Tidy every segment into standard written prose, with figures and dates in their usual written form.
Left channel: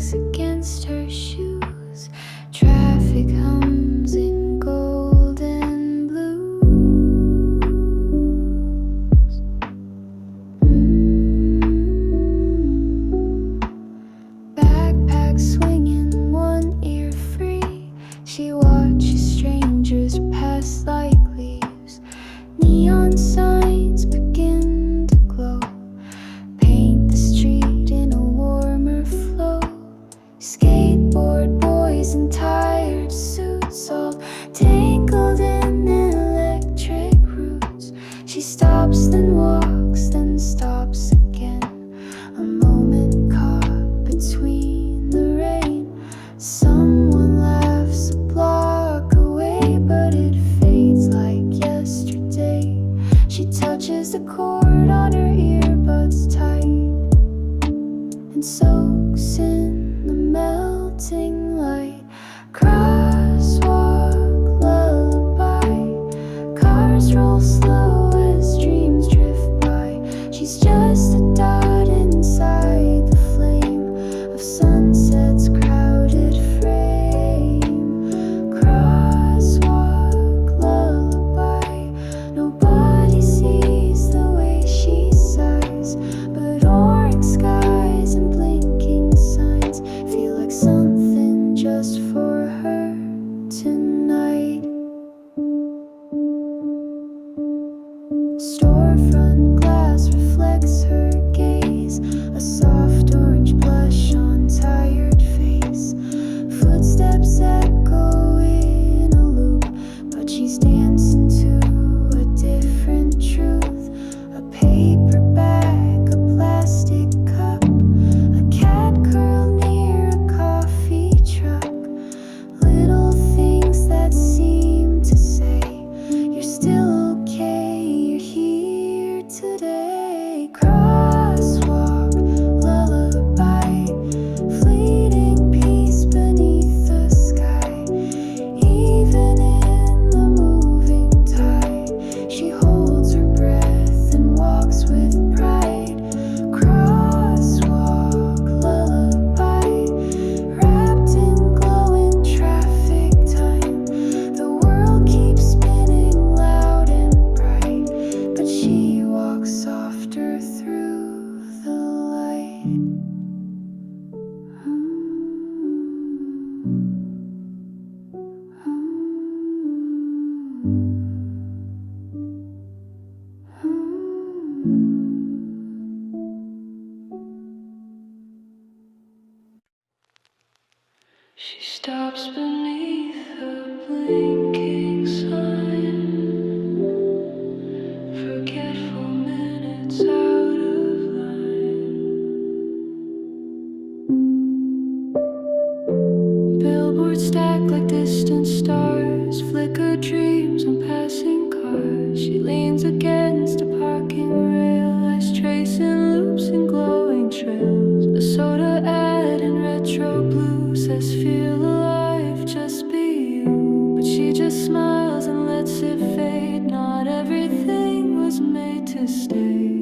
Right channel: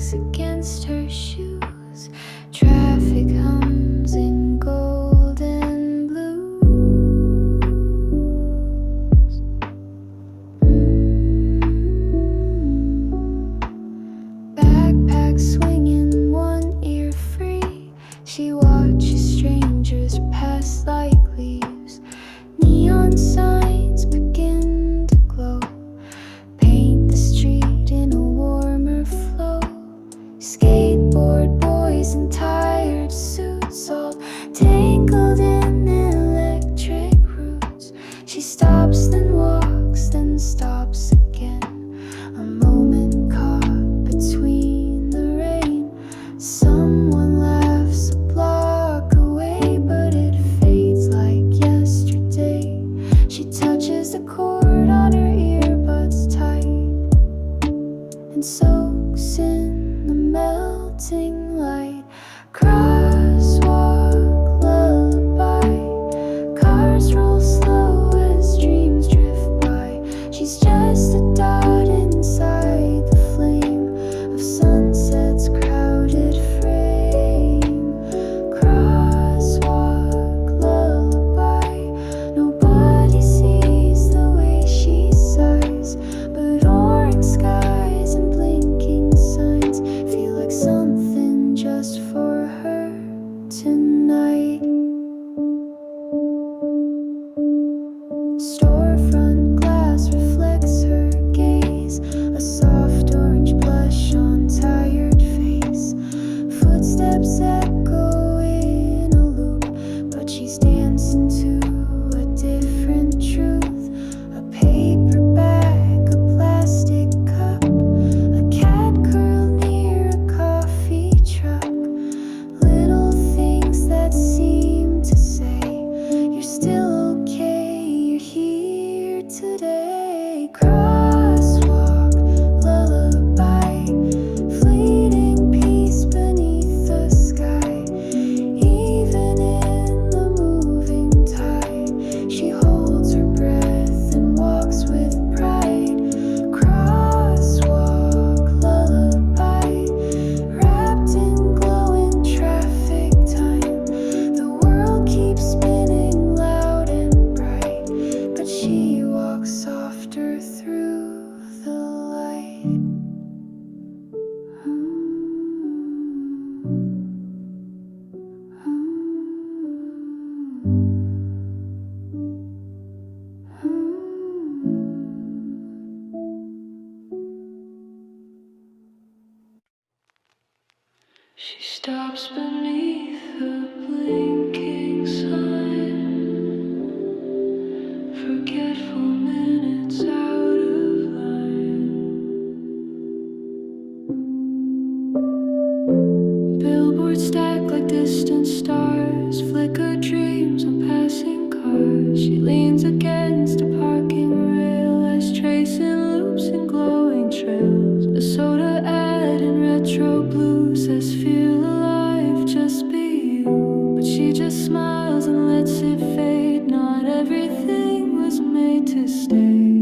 clanks against her shoes. Traffic hums in golden blues. Backpack swinging, one ear free. She watches strangers pass like leaves. Neon signs begin to glow. Paint the street in a warmer flow. Skateboard boys in tired suits, all tangled in electric roots. She stops, then walks, then stops again. A moment caught between the rain. Someone laughs a block away, but it fades like yesterday. She touches the cord on her earbuds tight and soaks in the melting light. Crosswalk lullaby. Cars roll slow as dreams drift by. She's just a dot inside the flame of sunset's crowded frame. Crosswalk lullaby. Nobody sees the way she sighs, but orange skies and blinking signs feel like something just for her tonight. Storefront glass reflects her gaze, a soft orange blush on tired face. Footsteps echo in a loop, but she's dancing to a different truth. A paper bag, a plastic cup, a cat curled near a coffee truck. Little things that seem to say, you're still okay, you're here today. Crosswalk lullaby. Fleeting peace beneath the sky. Even in the moving tide, she holds her breath and walks with pride. Crosswalk lullaby. Wrapped in glowing traffic time. The world keeps spinning loud and bright, but she walks softer through the light. She stops beneath a blinking sign. Forgetful minutes out of line. Billboards stack like distant stars. Flicker dreams on passing cars. She leans against a parking rail, eyes tracing loops and glowing trails. A soda ad in retro blue says feel alive, just be you. But she just smiles and lets it fade. Not everything was made to stay.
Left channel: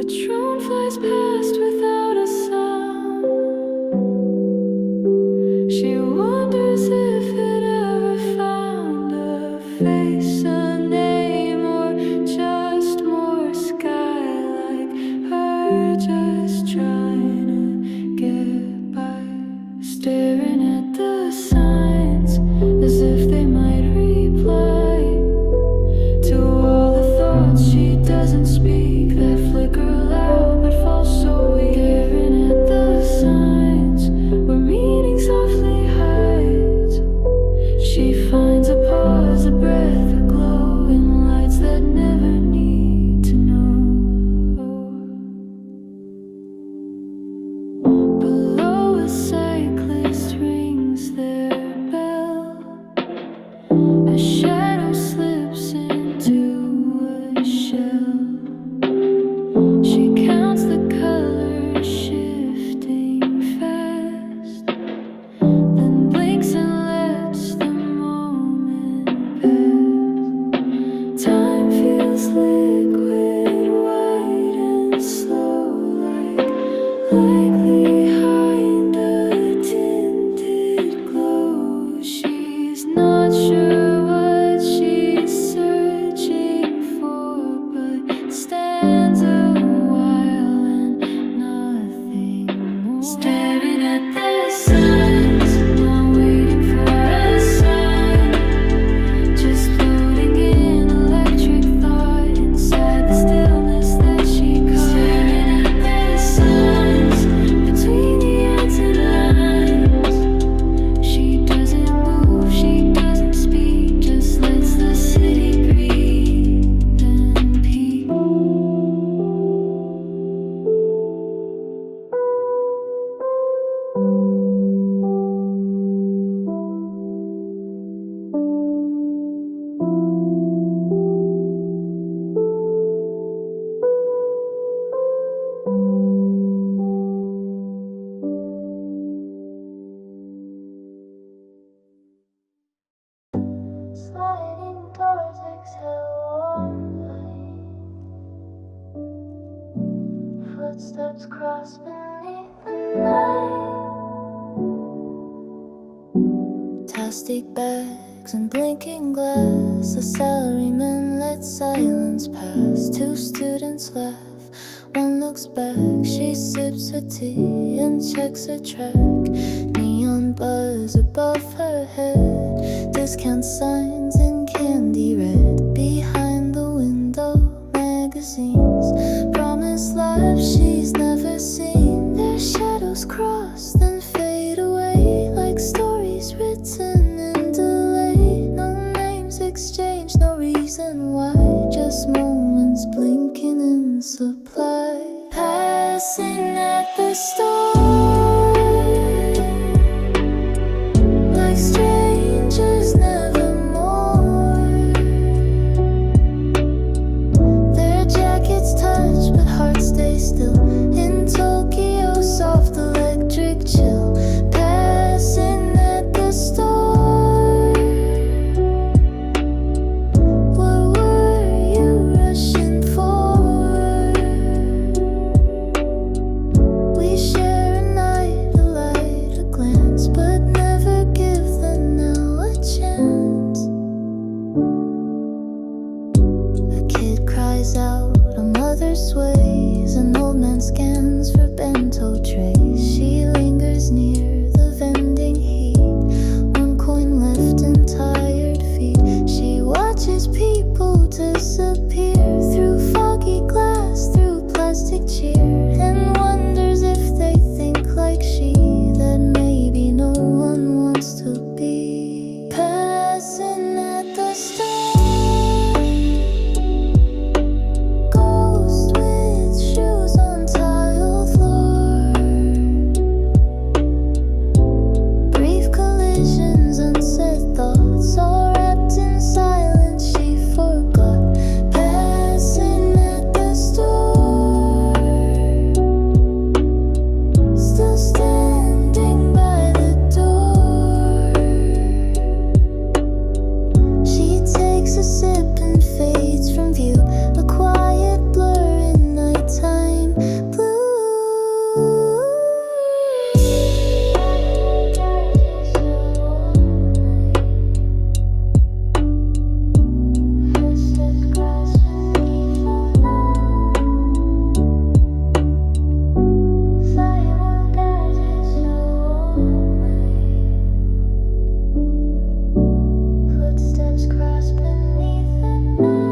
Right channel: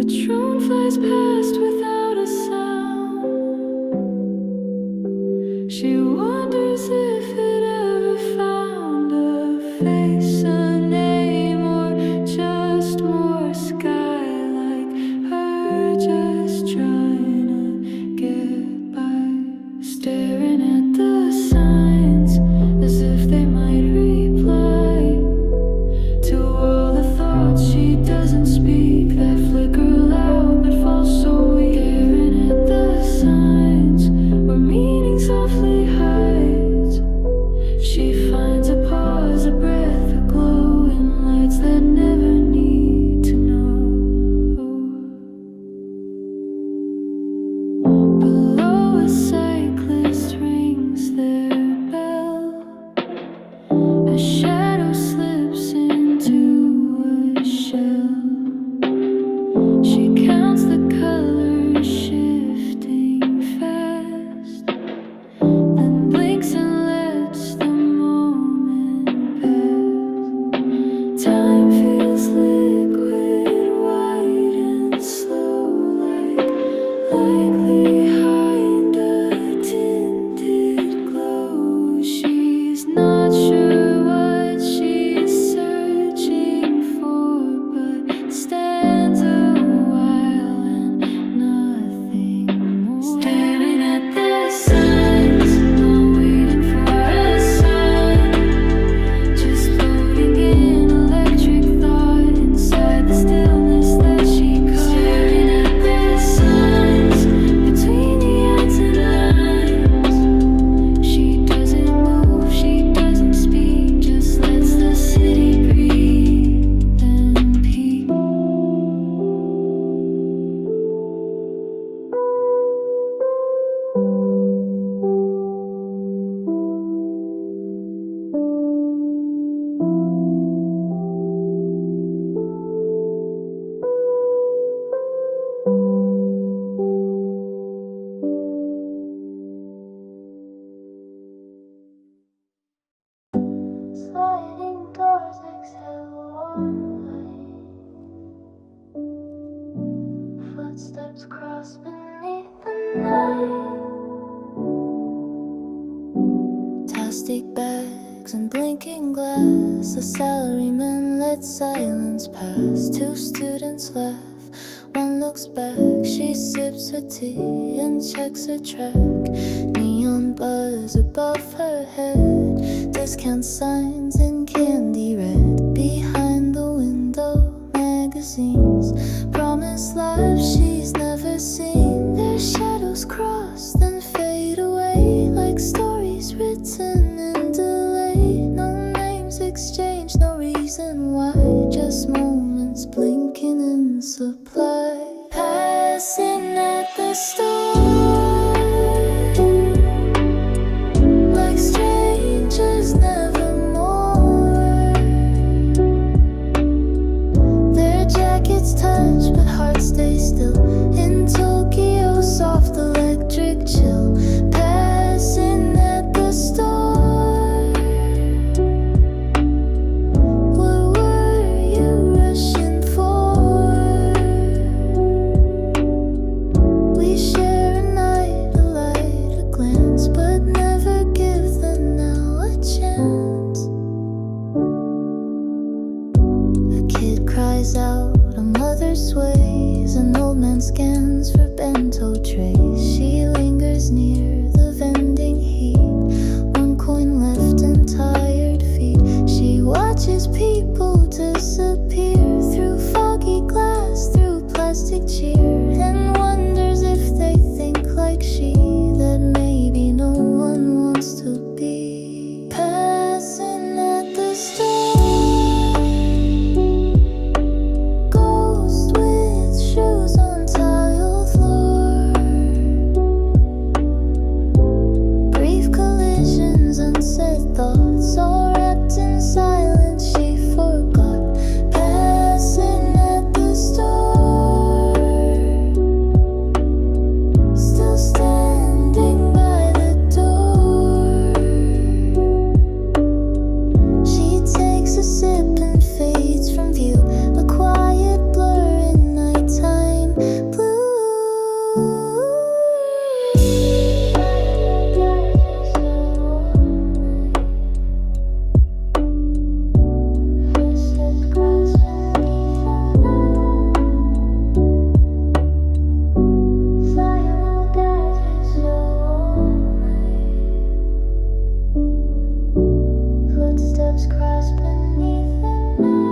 A drone flies past without a sound. She wonders if it ever found a face, a name, or just more sky like her, just trying to get by. Staring at the signs as if they might reply to all the thoughts she doesn't speak, that flicker loud but fall so weak. Staring at the signs where meaning softly hides. She finds a pause, a breath, a glow in lights that never need to know. Sliding doors exhale warm light. Footsteps cross beneath the night. Plastic bags and blinking glass. A salaryman let silence pass. Two students laugh. One looks back. She sips her tea and checks her track. Neon buzz above her head. Discount signs in candy red. Behind the window, magazines. Promised lives she's never seen. Their shadows cross, then fade away. Like stories written in delay. No names exchanged, no reason why. Just moments blinking in supply. Passing at the store, like strangers nevermore. Their jackets touch, but hearts stay still. In Tokyo, soft electric chill. Passing at the store. What were you rushing for? We share a night, a light, a glance, but never give the now a chance. A kid cries out, a mother sways. An old man scans for bento trays. She lingers near the vending heat. One coin left and tired feet. She watches people disappear through foggy glass, through plastic cheer, and wonders if they think like she, that maybe no one wants to be. Passing at the store, ghost with shoes on tile floor. Brief collisions, unsaid thoughts, all wrapped in silence she forgot. Passing at the store, still standing by the door. She takes a sip and fades from view, a quiet blur in nighttime blue. Footsteps cross beneath the night. Fire will guide her slowly. Footsteps cross beneath the night.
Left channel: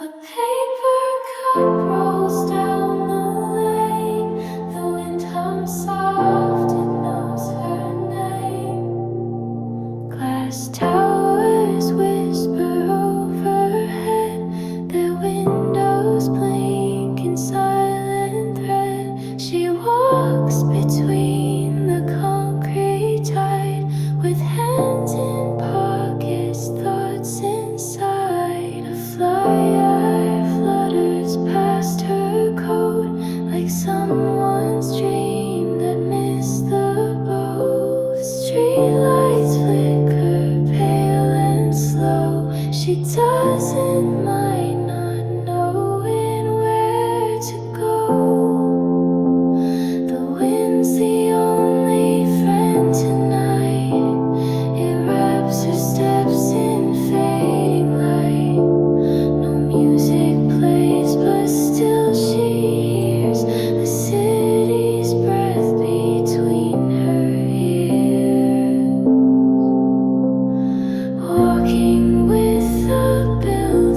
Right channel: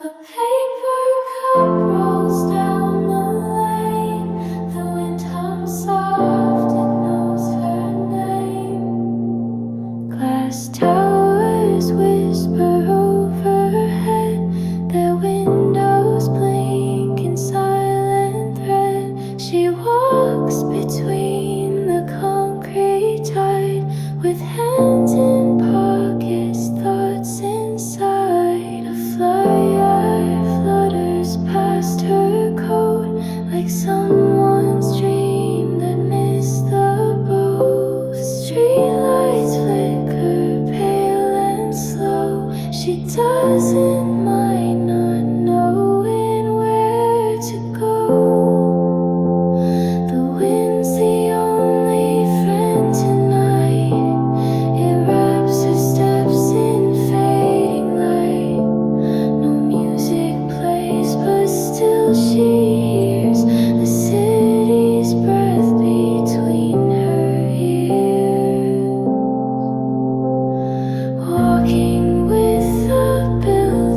A paper cup rolls down the lane. The wind hums soft, it knows her name. Glass towers whisper overhead. Their windows blink in silent thread. She walks between the concrete tide, with hands in pockets, thoughts inside. A flyer flutters past her coat, like someone's dream that missed the boat. Streetlights flicker, pale and slow. She doesn't mind not knowing where to go. The wind's the only friend tonight. It wraps her steps in fading light. No music plays, but still she hears the city's breath between her ears. Walking with a bill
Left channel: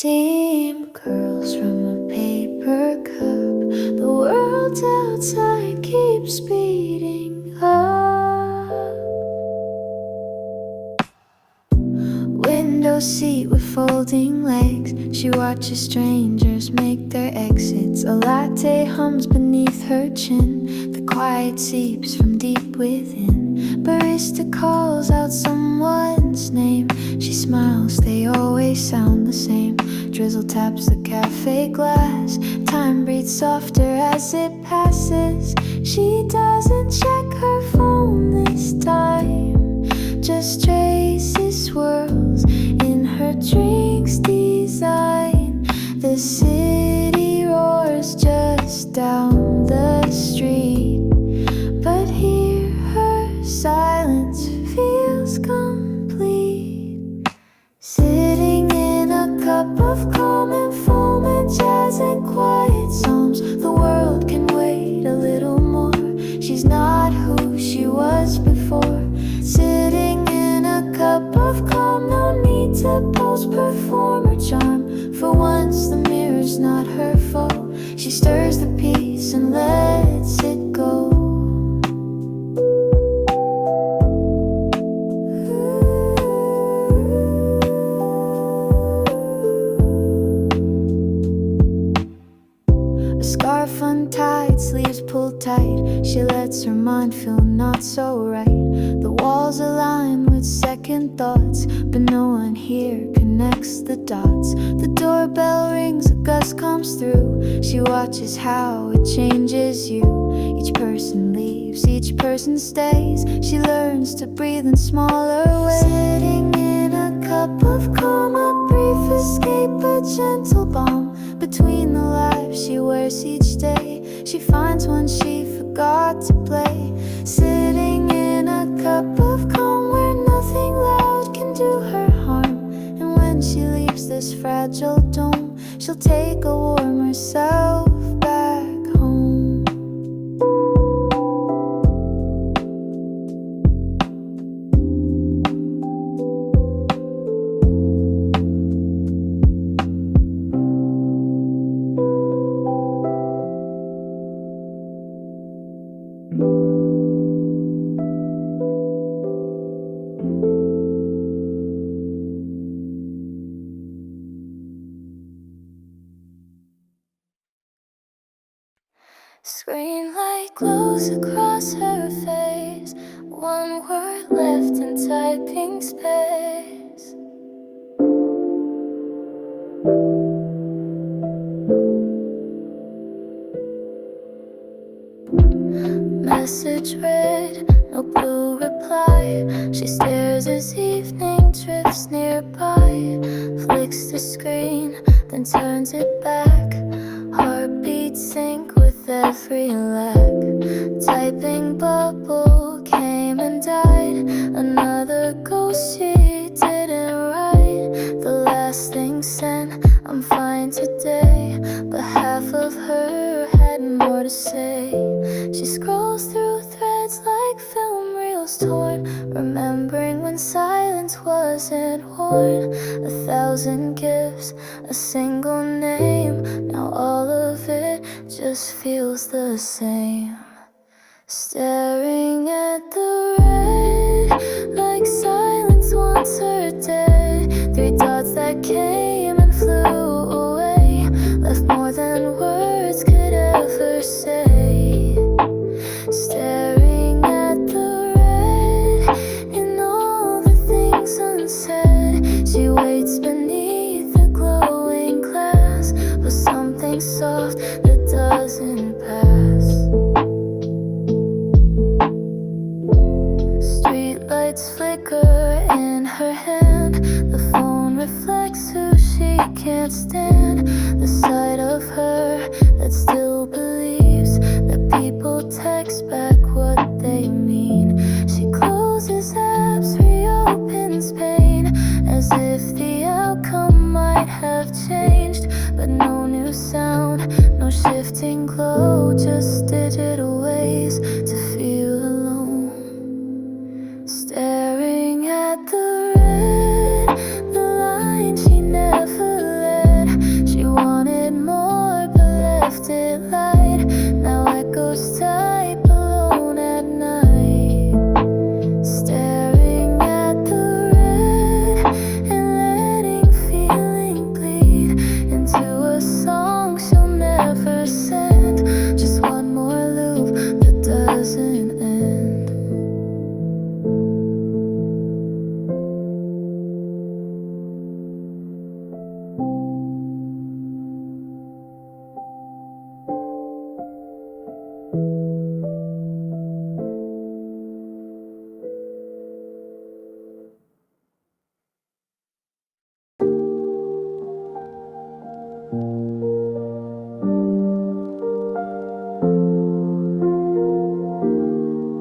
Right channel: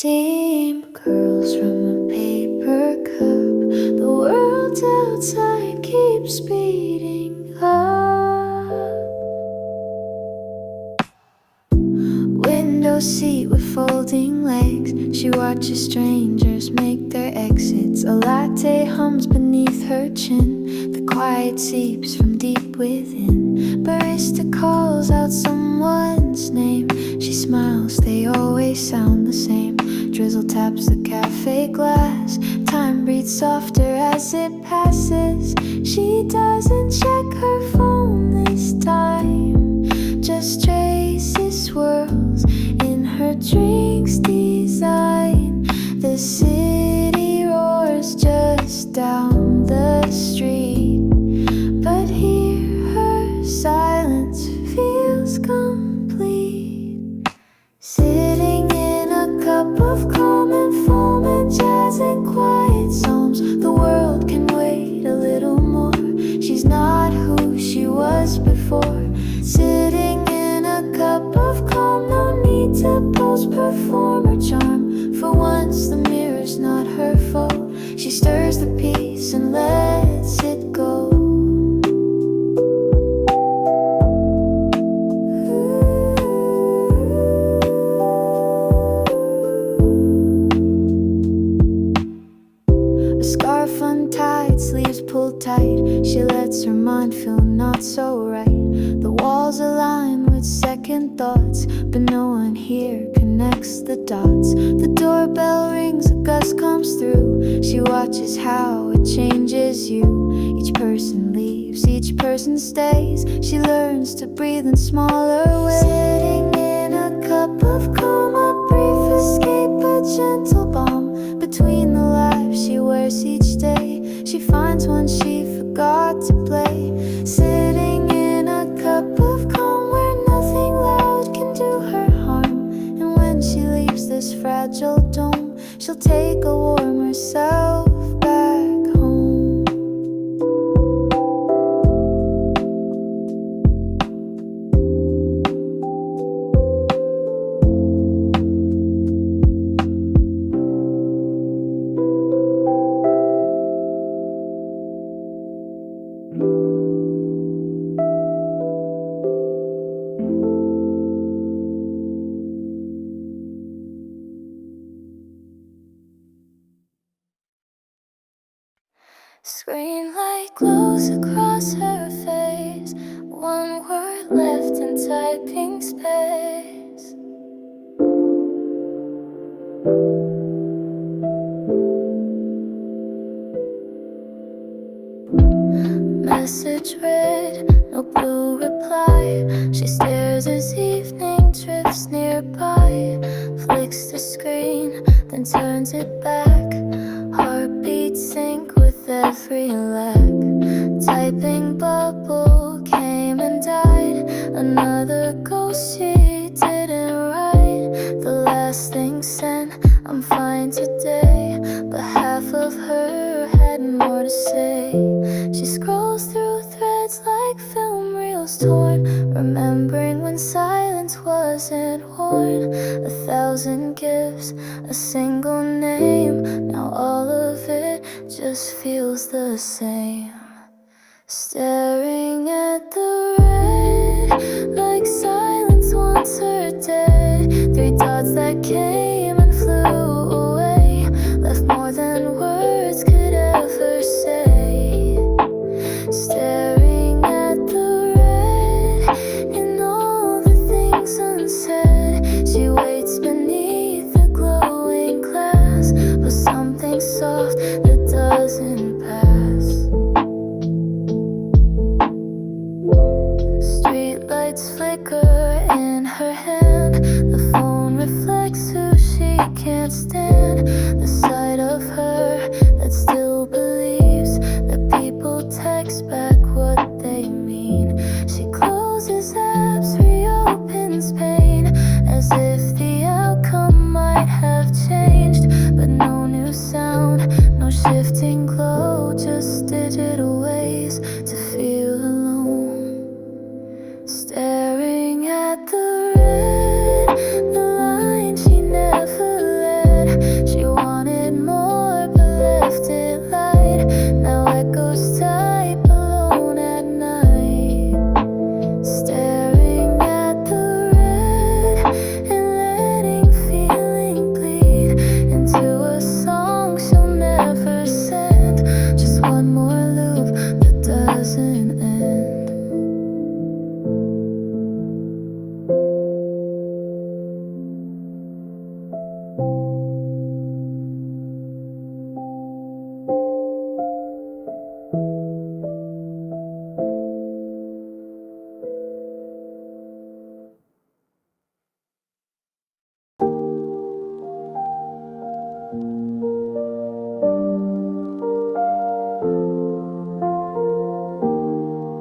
Steam curls from a paper cup. The world outside keeps speeding up. Window seat with folding legs. She watches strangers make their exits. A latte hums beneath her chin. The quiet seeps from deep within. Barista calls out someone's name. She smiles, they always sound the same. Drizzle taps the cafe glass. Time breathes softer as it passes. She doesn't check her phone this time. Just traces swirls in her drink's design. The city roars just down the street, but here her silence feels complete. Sitting in a cup of calm and foam and jazz and quiet psalms. The world can wait a little more. She's not who she was before. Sitting in a cup of calm, no need to pose, perform or charm. For once the mirror's not her foe. She stirs the peace and lets it go. A scarf untied, sleeves pulled tight. She lets her mind feel not so right. The walls align with second thoughts, but no one here connects the dots. The doorbell rings, a gust comes through. She watches how it changes you. Each person leaves, each person stays. She learns to breathe in smaller ways. Sitting in a cup of calm, a brief escape, a gentle balm. Between the lives she wears each day, she finds one she forgot to play. Sitting in a cup of calm where nothing loud can do her harm. And when she leaves this fragile dome, she'll take a warmer self back home. Screen light glows across her face. One word left in typing space. Message read, no blue reply. She stares as evening drifts nearby. Flicks the screen, then turns it back. Heartbeats sync with every lag. Typing bubble came and died. Another ghost she didn't write. The last thing sent, I'm fine today. But half of her had more to say. She scrolls through threads like film reels torn, remembering when silence wasn't worn. 1,000 gifts, a single name. Now all of it just feels the same. Staring at the red, like silence wants her dead. 3 dots that came and flew away, left more than words could ever say. Staring at the red, in all the things unsaid. She waits beneath the glowing glass for something soft that doesn't pass. Streetlights flicker in her hand. The phone reflects who she can't stand. The sight of her that still believes that people text back what they mean. She closes apps, reopens pain, as if the outcome might have changed. But no new sound, no shifting glow, just digital ways to feel alone. Staring at the red, the line she never left. doesn't end.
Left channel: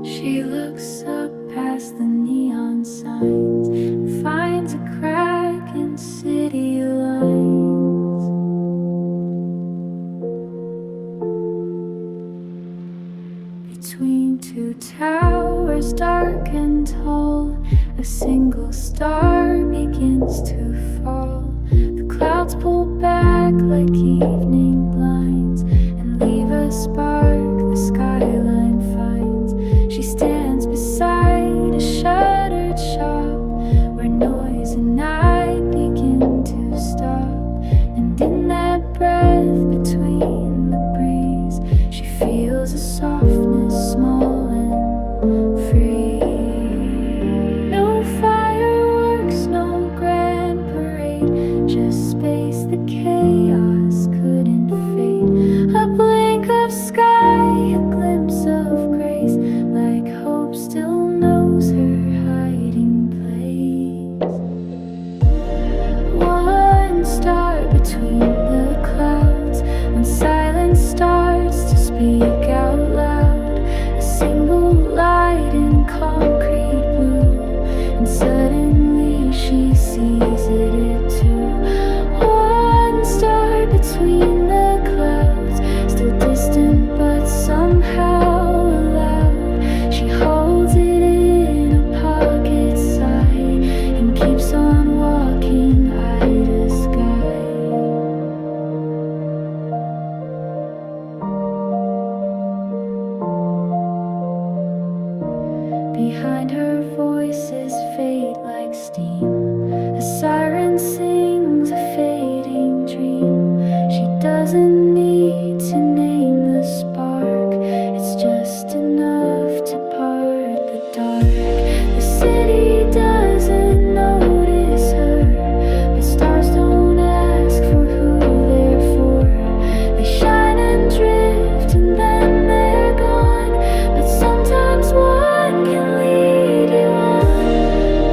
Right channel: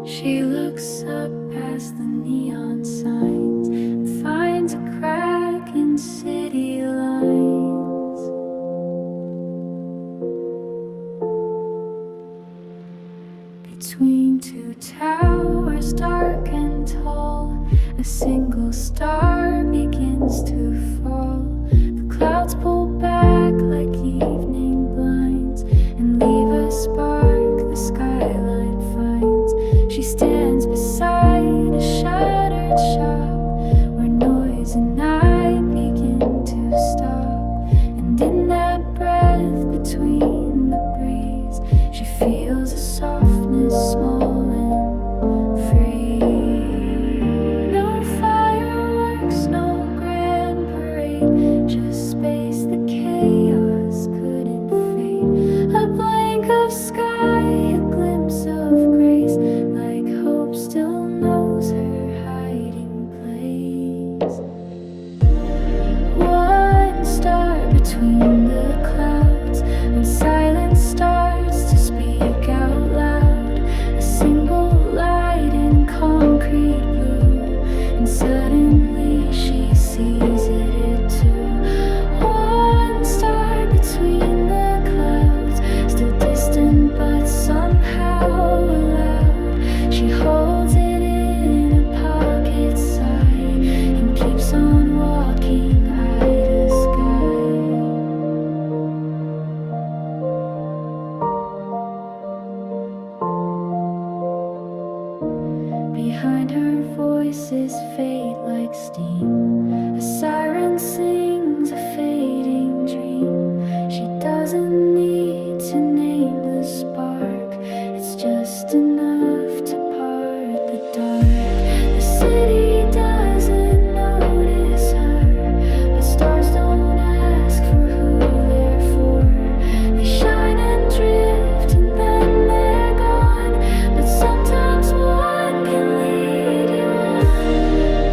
She looks up past the neon signs and finds a crack in city lines. Between two towers, dark and tall, a single star begins to fall. The clouds pull back like evening blinds and leave a spark the skyline finds. She stands beside a shuttered shop where noise and night begin to stop. And in that breath between the breeze, she feels a softness small and free. No fireworks, no grand parade, just space the chaos couldn't fade. A blink of sky, a glimpse of grace, like hope still knows her hiding place. One star between the clouds, when silence starts to speak out loud. A single light in concrete blue, and suddenly she sees it too. One star between the clouds, still distant but somehow allowed. She holds it in a pocket side and keeps on walking eye to sky. Behind her voices fade like steam. A siren sings a fading dream. She doesn't need to name the spark, it's just enough to part the dark. The city doesn't notice her, but stars don't ask for who they're for. They shine and drift and then they're gone, but sometimes one can lead you on.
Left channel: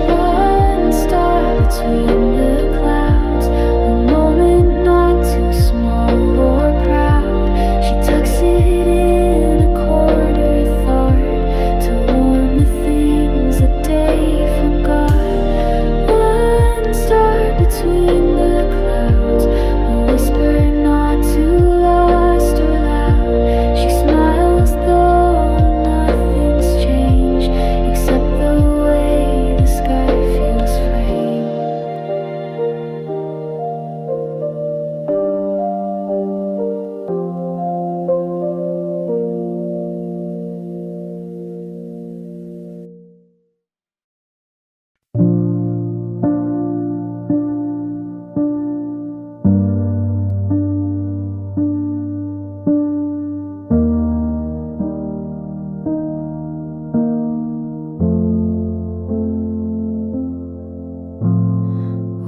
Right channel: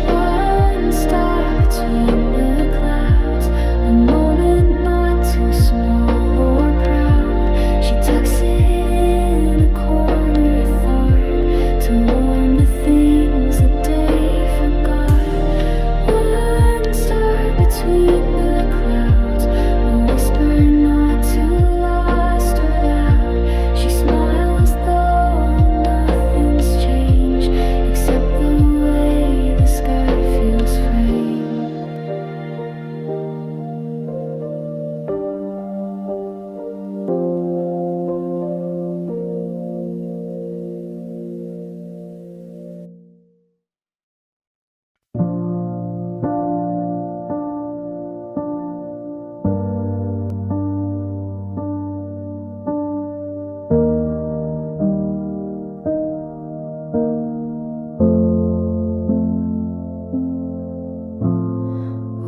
One star between the clouds, a moment not too small or proud. She tucks it in a corner thought to warm the things the day forgot. One star between the clouds, a whisper not too lost or loud. She smiles though nothing's changed except the way the sky feels framed.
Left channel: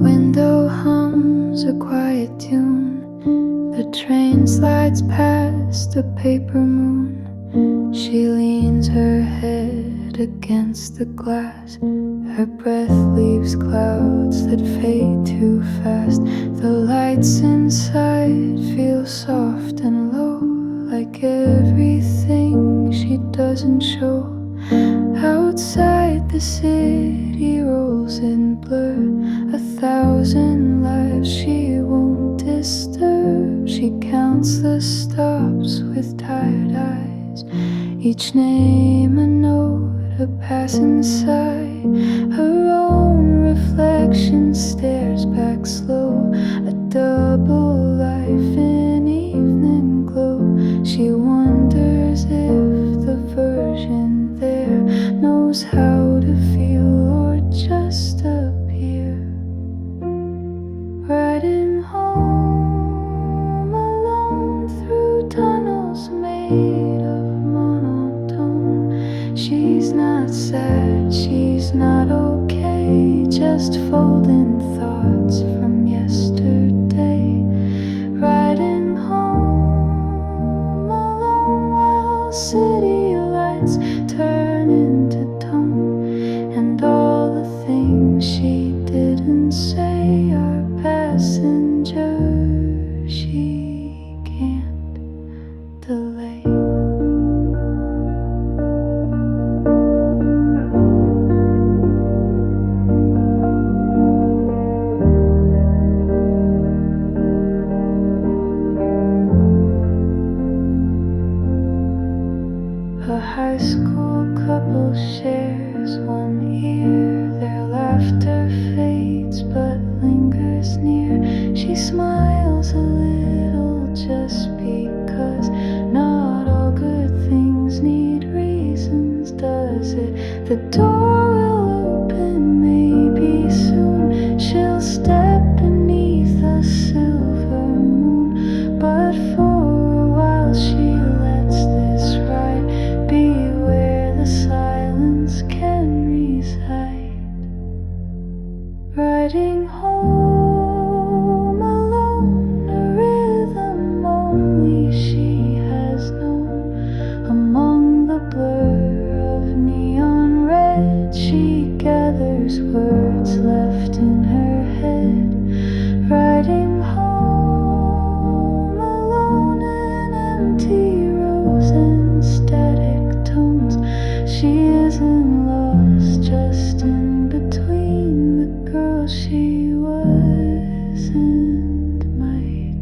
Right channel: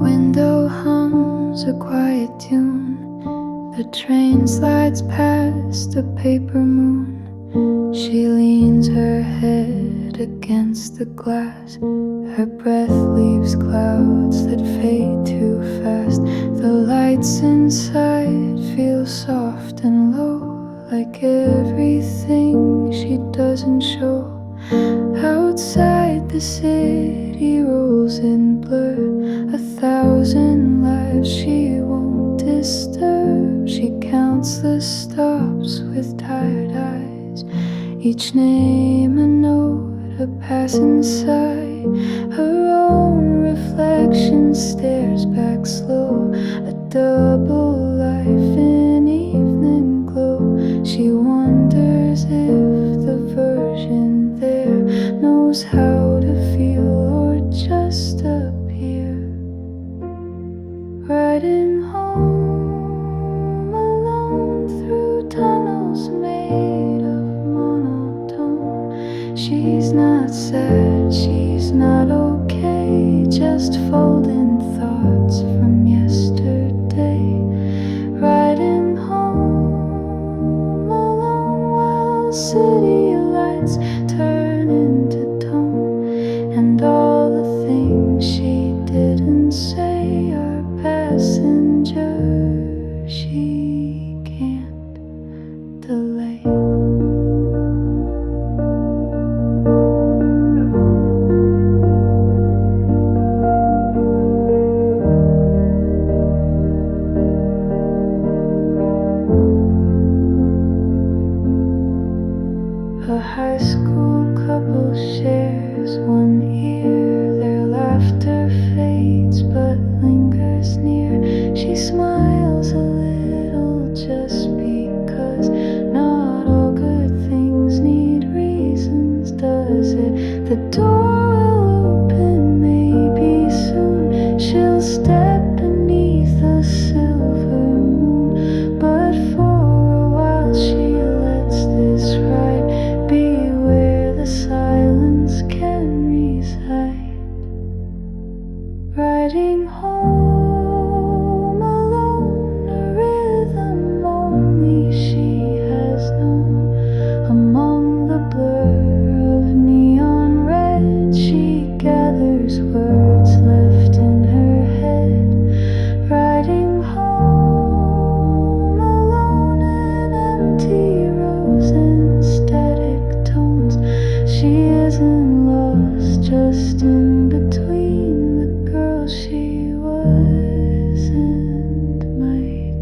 Window hums a quiet tune. The train slides past a paper moon. She leans her head against the glass. Her breath leaves clouds that fade too fast. The lights inside feel soft and low, like everything she doesn't show. Outside the city rolls in blur, 1,000 lives she won't disturb. She counts the stops with tired eyes, each name a note, a passing sigh. Her own reflection stares back slow, a double life in evening glow. She wonders if the version there knows how to feel or just appear. Riding home alone through tunnels made of monotone, she's not sad, she's not okay, just folding thoughts from yesterday, riding home alone while city lights turn into tone, and all the things she didn't say are passengers she can't delay. A high school couple shares one ear. Their laughter fades but lingers near. She smiles a little just because not all good things need reasons, does it? The door will open maybe soon. She'll step beneath a silver moon, but for a while she lets this ride be where the silence can reside. Riding home alone, a rhythm only she has known. Among the blur of neon red, she gathers words left in her head. Riding home alone in empty rows and static tones. She isn't lost, just in between the girl she was and might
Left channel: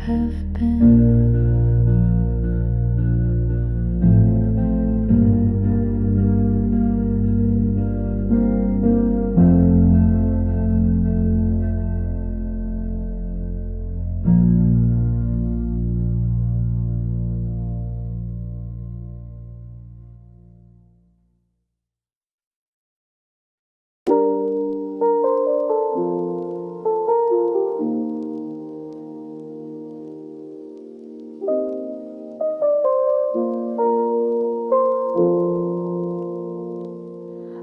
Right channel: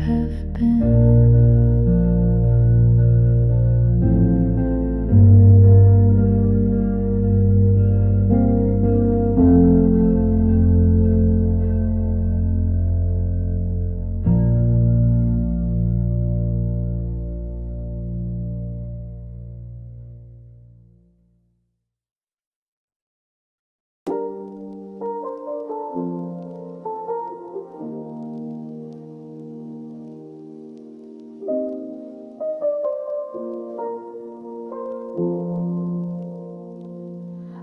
have been.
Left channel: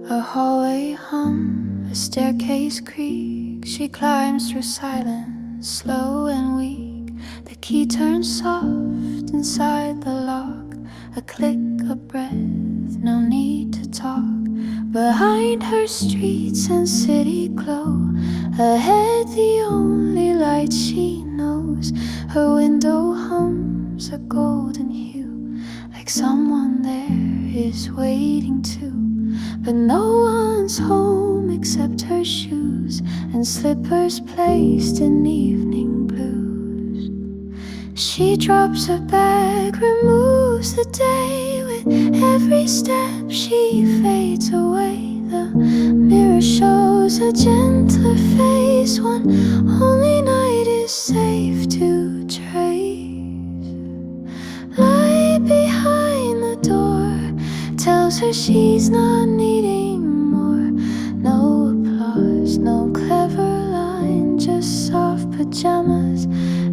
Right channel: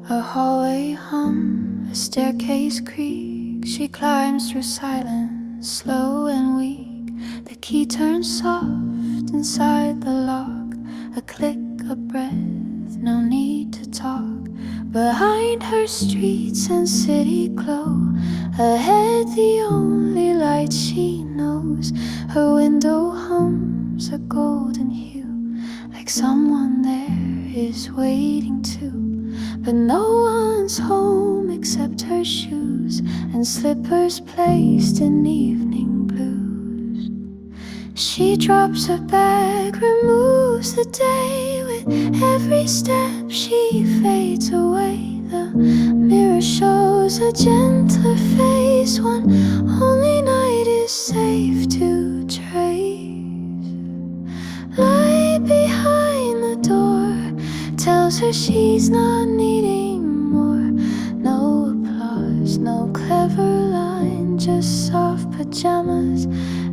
A hallway hum, a staircase creak. She climbs through silence, slow and weak. The key turns soft inside the lock. A click, a breath, no need to talk. Behind her streets and city glow. Ahead the only light she knows. Her window hums a golden hue, like someone there is waiting too. But no one's home except her shoes and slippers placed in evening blues. She drops her bag, removes the day. With every step she fades away. The mirror shows a gentler face. One only night is safe to trace. Light behind the door tells her she's not needing more. No applause, no clever line, just soft pajamas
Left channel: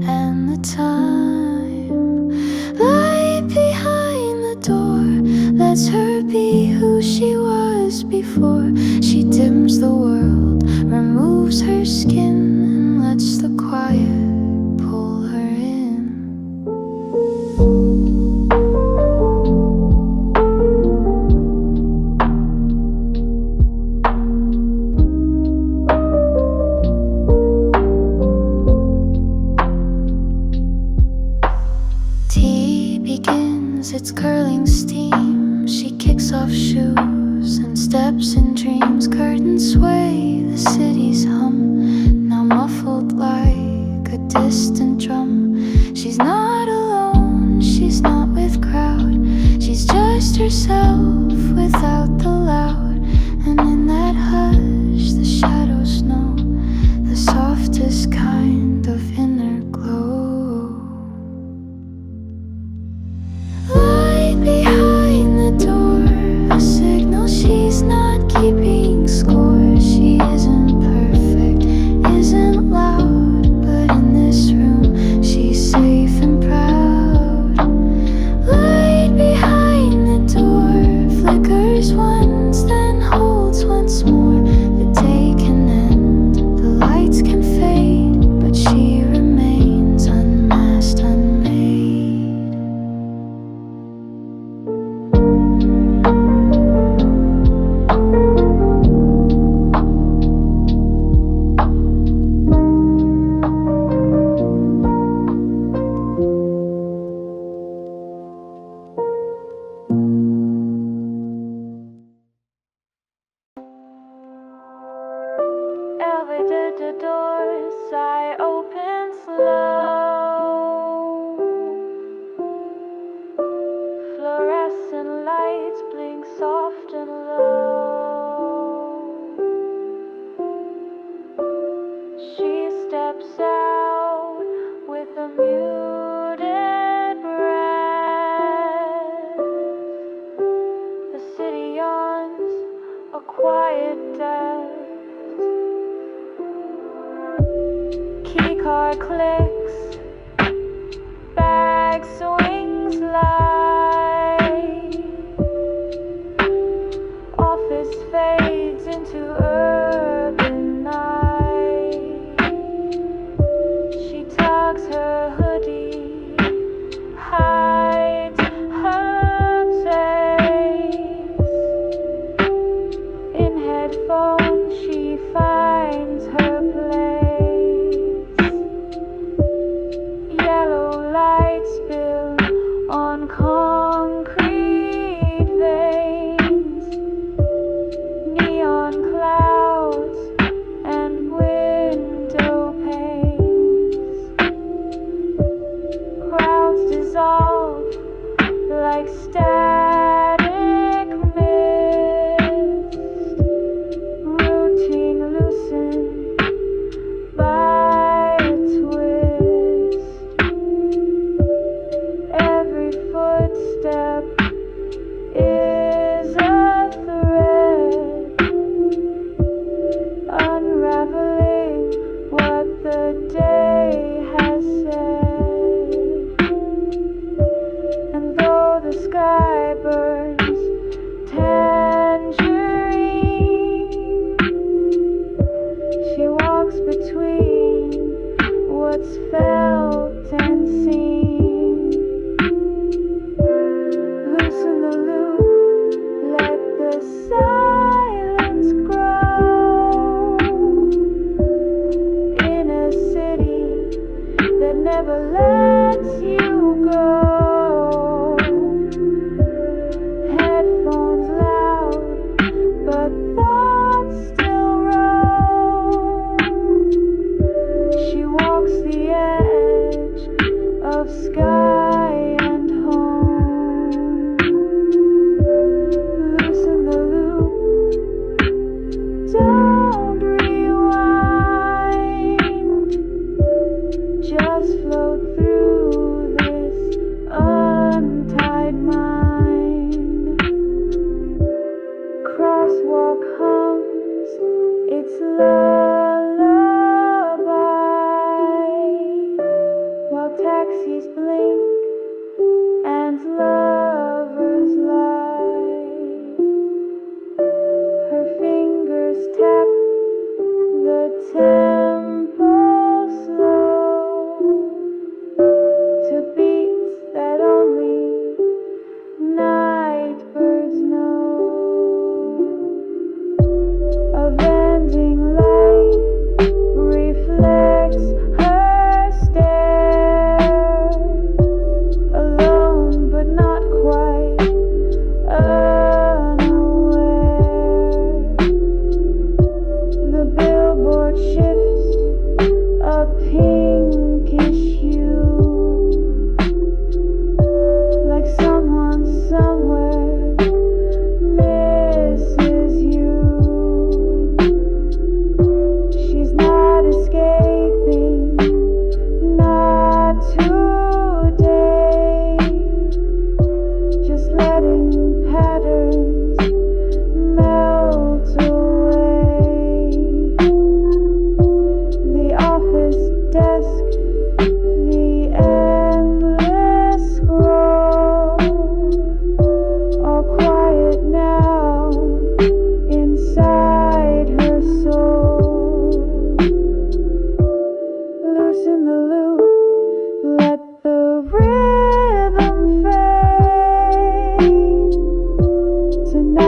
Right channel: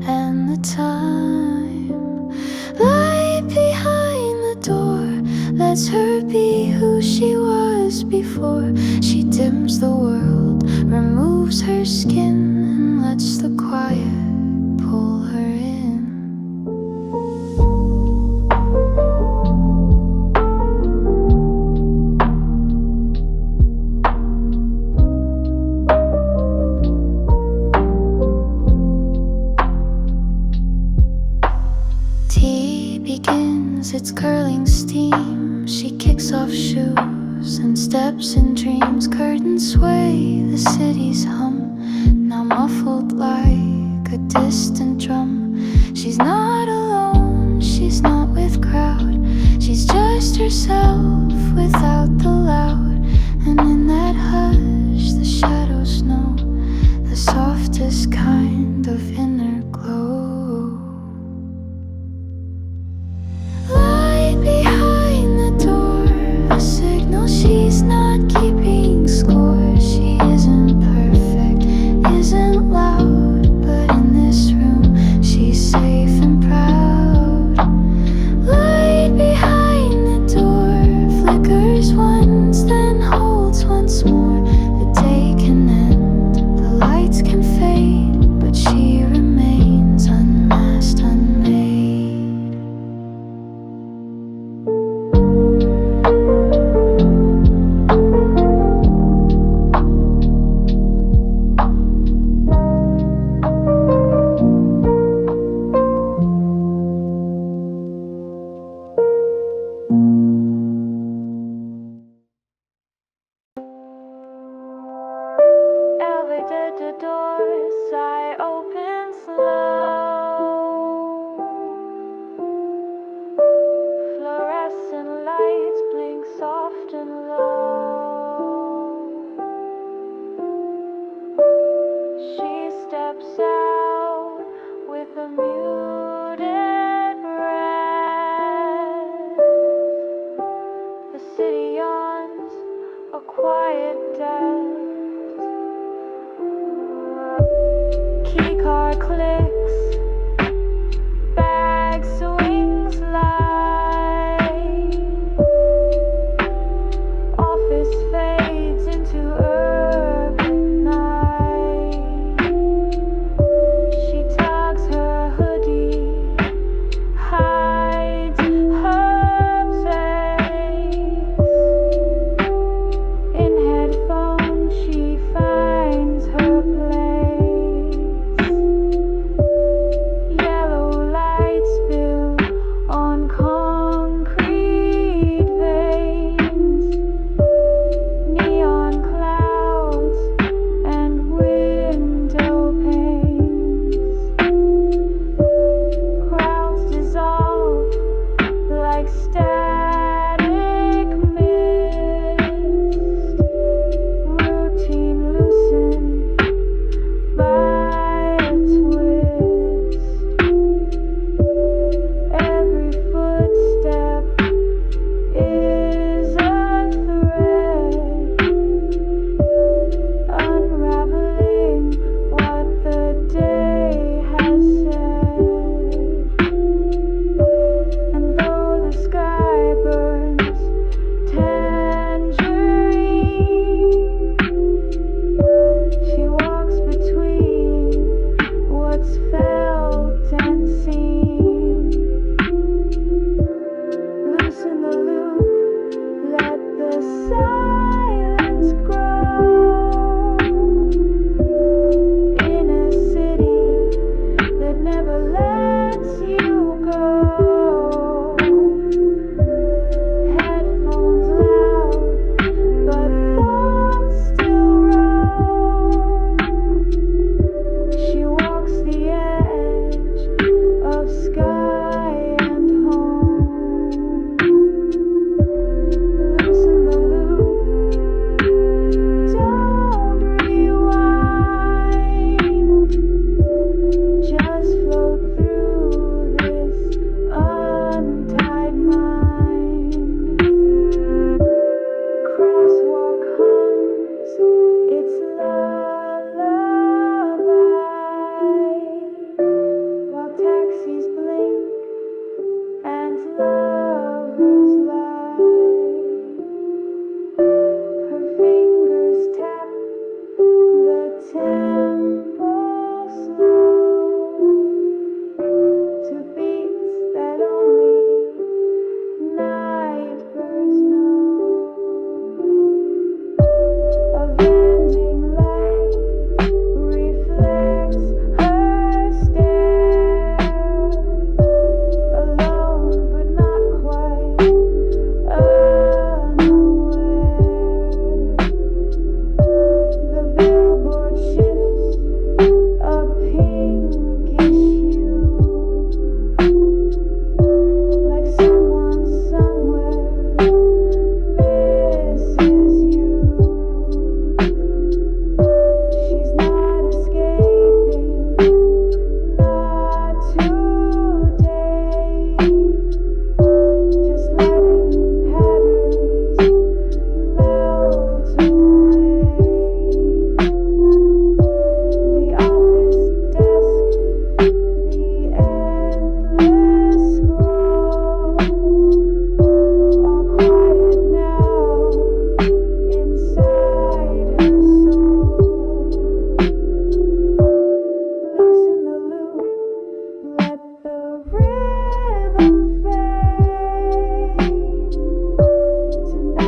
and the time. Light behind the door lets her be who she was before. She dims the world, removes her skin, and lets the quiet pull her in. Begins its curling steam. She kicks off shoes and steps in dreams. Curtains sway, the city's hum, now muffled like a distant drum. She's not alone, she's not with crowd. She's just herself without the loud. And in that hush the shadows know the softest kind of inner glow. Behind the door, a signal she's not keeping score. She isn't perfect, isn't loud, but in this room she's safe and proud. Light behind the door, flicker quiet depths. Keycard clicks, bag swings light, office fades into urban night. She tugs her hoodie, hides her face. In headphones she finds her place. Yellow light spill on concrete veins, neon clouds and window panes. Crowds dissolve like static mist, routine loosened by a twist. Every footstep is a thread, unraveling what the day has said. And though the sky burns tangerine, she walks between what's felt and seen. Loosen the loop, let the silence grow in a city that never lets you go. Headphones loud, but thoughts still roam. She walks the edge of sky and home. Loosen the loop, don't rewind, just float through this untied mind. Crosswalk hums its lullaby while taxis blink and lovers lie. Her fingers tap the tempo slow to beats that only night birds know. A vending light reflects her stare, alone but not quite unaware. The billboard shifts a pinkish hue, like someone somewhere misses you. She's not escaping, not today, just letting patterns melt away. The office desk, the endless scroll, all quiet now inside her soul. Loosen the loop, let the rhythm fade. Tonight